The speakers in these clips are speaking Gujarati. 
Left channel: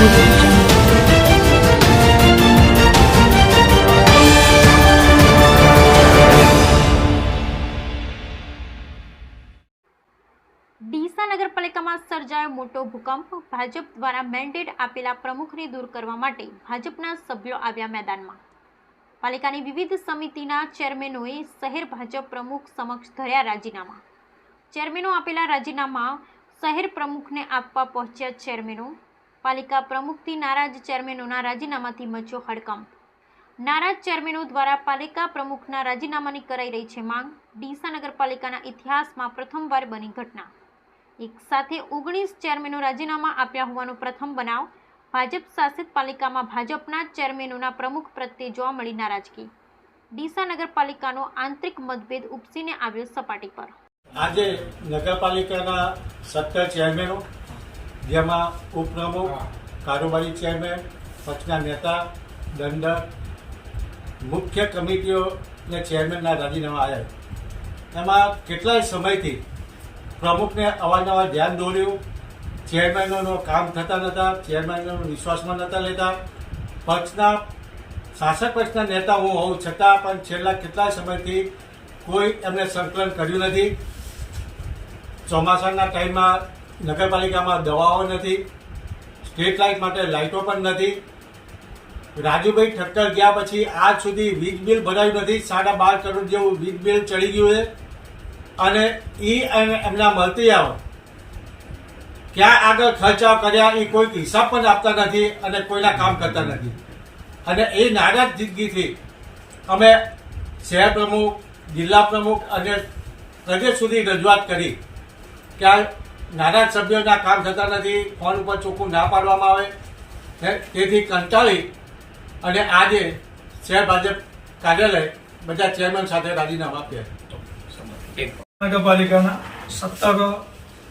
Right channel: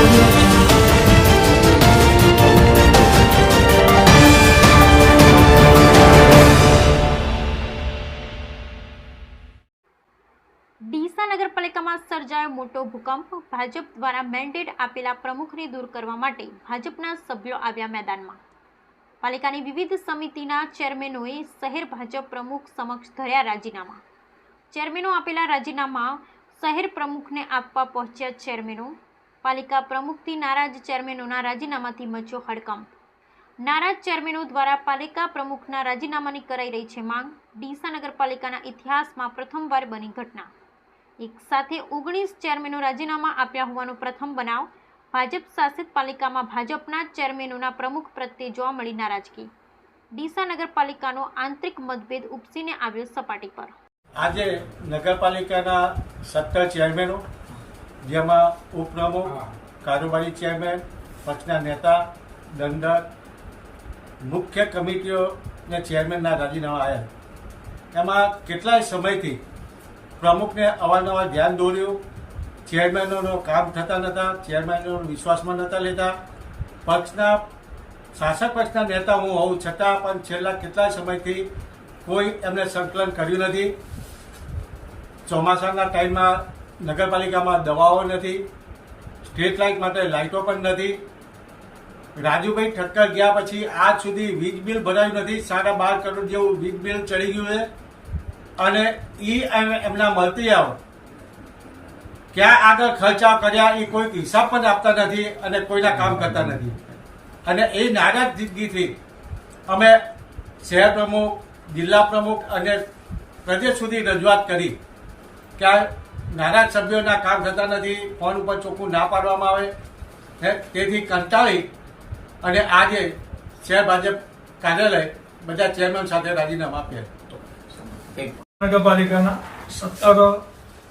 ડીસા નગરપાલિકામાં સર્જાયો મોટો ભૂકંપ. ભાજપ દ્વારા મેન્ડેટ આપેલા પ્રમુખને દૂર કરવા માટે ભાજપના સભ્યો આવ્યા મેદાનમાં. પાલિકાની વિવિધ સમિતિના ચેરમેનોએ શહેર ભાજપ પ્રમુખ સમક્ષ ધર્યા રાજીનામા. ચેરમેનો આપેલા રાજીનામા શહેર પ્રમુખને આપવા પહોંચ્યા ચેરમેનો પાલિકા પ્રમુખથી નારાજ ચેરમેનોના રાજીનામાથી મચ્યો હડકંપ. નારાજ ચેરમેનો દ્વારા પાલિકા પ્રમુખના રાજીનામાની કરાઈ રહી છે માંગ. ડીસા નગરપાલિકાના ઇતિહાસમાં પ્રથમવાર બની ઘટના. એક સાથે ઓગણીસ ચેરમેનો રાજીનામા આપ્યા હોવાનો પ્રથમ બનાવ. ભાજપ શાસિત પાલિકામાં ભાજપના ચેરમેનોના પ્રમુખ પ્રત્યે જોવા મળી નારાજગી. ડીસા નગરપાલિકાનો આંતરિક મતભેદ ઉપસીને આવ્યો સપાટી પર. આજે નગરપાલિકાના સત્તર ચેરમેનો જેમાં ઉપપ્રમુખ કારોબારી ચેરમેન પક્ષના નેતા દંડક મુખ્ય કમિટીઓને ચેરમેનના રાજીનામા આવ્યા એમાં કેટલાય સમયથી પ્રમુખને અવારનવાર ધ્યાન દોર્યું ચેરમેનોનો કામ થતા નહોતા ચેરમેનોનો વિશ્વાસમાં નહોતા લેતા પક્ષના શાસક પક્ષના નેતા હું હોઉં છતાં પણ છેલ્લા કેટલાય સમયથી કોઈ એમને સંકલન કર્યું નથી. ચોમાસાના ટાઈમમાં નગરપાલિકામાં દવાઓ નથી સ્ટ્રીટ લાઇટ માટે લાઇટો પણ નથી. રાજુભાઈ ઠક્કર ગયા પછી આજ સુધી વીજ બિલ ભરાયું નથી. સાડા બાર કરોડ જેવું વીજ બિલ ચડી ગયું છે. અને એ એમના મળતી આવો ક્યાં આગળ ખર્ચા કર્યા એ કોઈ હિસાબ પણ આપતા નથી અને કોઈના કામ કરતા નથી. અને એ નારાજગીથી અમે શહેર પ્રમુખ, જિલ્લા પ્રમુખ અને પ્રદેશ સુધી રજૂઆત કરી કે નારાજ સભ્યોના કામ થતા નથી ફોન ઉપર ચોખ્ખું ના પાડવામાં આવે. હે, તેથી કંટાળી અને આજે શહેર ભાજપ કાર્યાલય બધા ચેરમેન સાથે રાજીનામા આપ્યા. નગરપાલિકાના સત્તર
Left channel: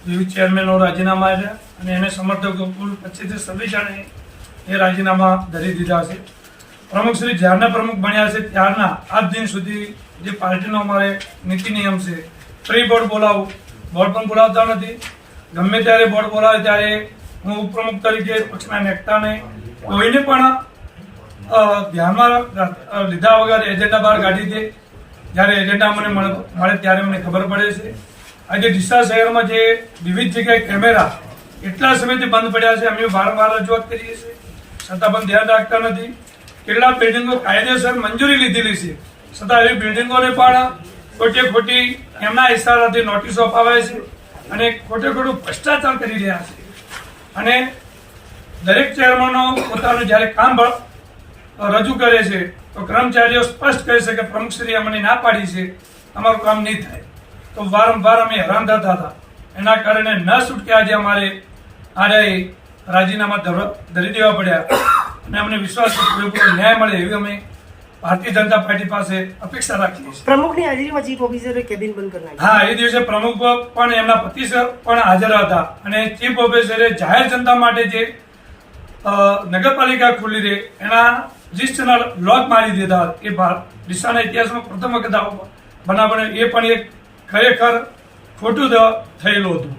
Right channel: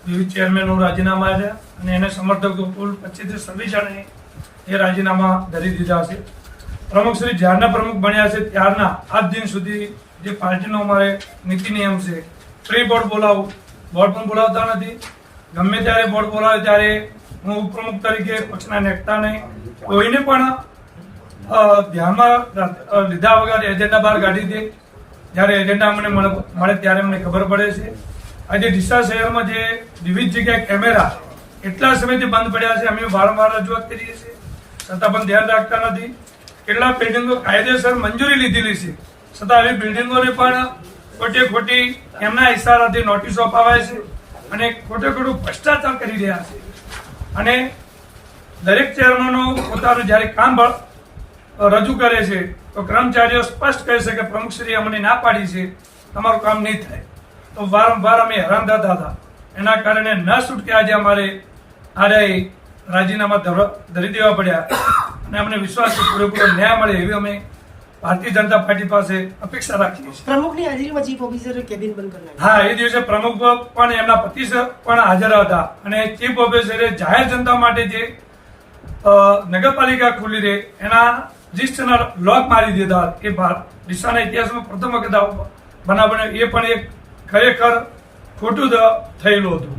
વિવિધ ચેરમેનો રાજીનામા આપ્યા અને એને સમર્થકો કુલ પચીસથી છવ્વીસ જણે એ રાજીનામા ધરી દીધા છે. પ્રમુખ શ્રી જ્યારના પ્રમુખ બન્યા છે ત્યારના આજ દિન સુધી જે પાર્ટીનો અમારે નીતિ નિયમ છે પ્રી બોર્ડ બોલાવું બોર્ડ પણ બોલાવતા નથી. ગમે ત્યારે બોર્ડ બોલાવે ત્યારે હું ઉપપ્રમુખ તરીકે પક્ષના નેતાને કોઈને પણ ધ્યાનમાં લીધા વગર એજન્ડા બહાર કાઢી દે. જ્યારે એજન્ડા મને મળે ત્યારે મને ખબર પડે છે. આજે ડીસા શહેરમાં જે વિવિધ જગ્યાએ કેમેરા એટલા સમયથી બંધ પડ્યા છે, અમે વારંવાર રજૂઆત કરીએ છીએ. છતાં પણ ધ્યાન રાખતા નથી. કેટલા બિલ્ડિંગો કાયદેસર મંજૂરી લીધેલી છે. છતાં એવી બિલ્ડિંગોને પણ ખોટી ખોટી એમના ઇશારાથી નોટિસો અપાવાય છે. અને ખોટે ખોટું ભ્રષ્ટાચાર કરી રહ્યા છે. અને દરેક ચેરમેનો પોતાનું જ્યારે કામ રજૂ કરે છે, તો કર્મચારીઓ સ્પષ્ટ કહે છે કે પ્રમુખશ્રી અમને ના પાડી છે, તમારું કામ નહીં થાય. તો વારંવાર અમે હેરાન થતા હતા. એના કારણે ન છૂટકે આજે અમારે આરે રાજીનામા ધરી દેવા પડ્યા. અને અમને વિશ્વાસ પૂરેપૂરો ન્યાય મળે એવી અમે ભારતીય જનતા પાર્ટી પાસે અપેક્ષા રાખીએ છીએ. પ્રમુખની હાજરીમાં ચીફ ઓફિસરે કેબિન બંધ કરાવી. હા એ દિવસે પ્રમુખ પણ એમના પતિ પણ હાજર હતા. અને ચીફ ઓફિસરે જાહેર જનતા માટે જે નગરપાલિકા ખુલ્લી રહે એના રજિસ્ટરના લોક મારી દીધા એ ડીસાના ઇતિહાસમાં પ્રથમ વખત બનાવ બન્યો. એ પણ એક ખરેખર ખોટું થયેલું હતું.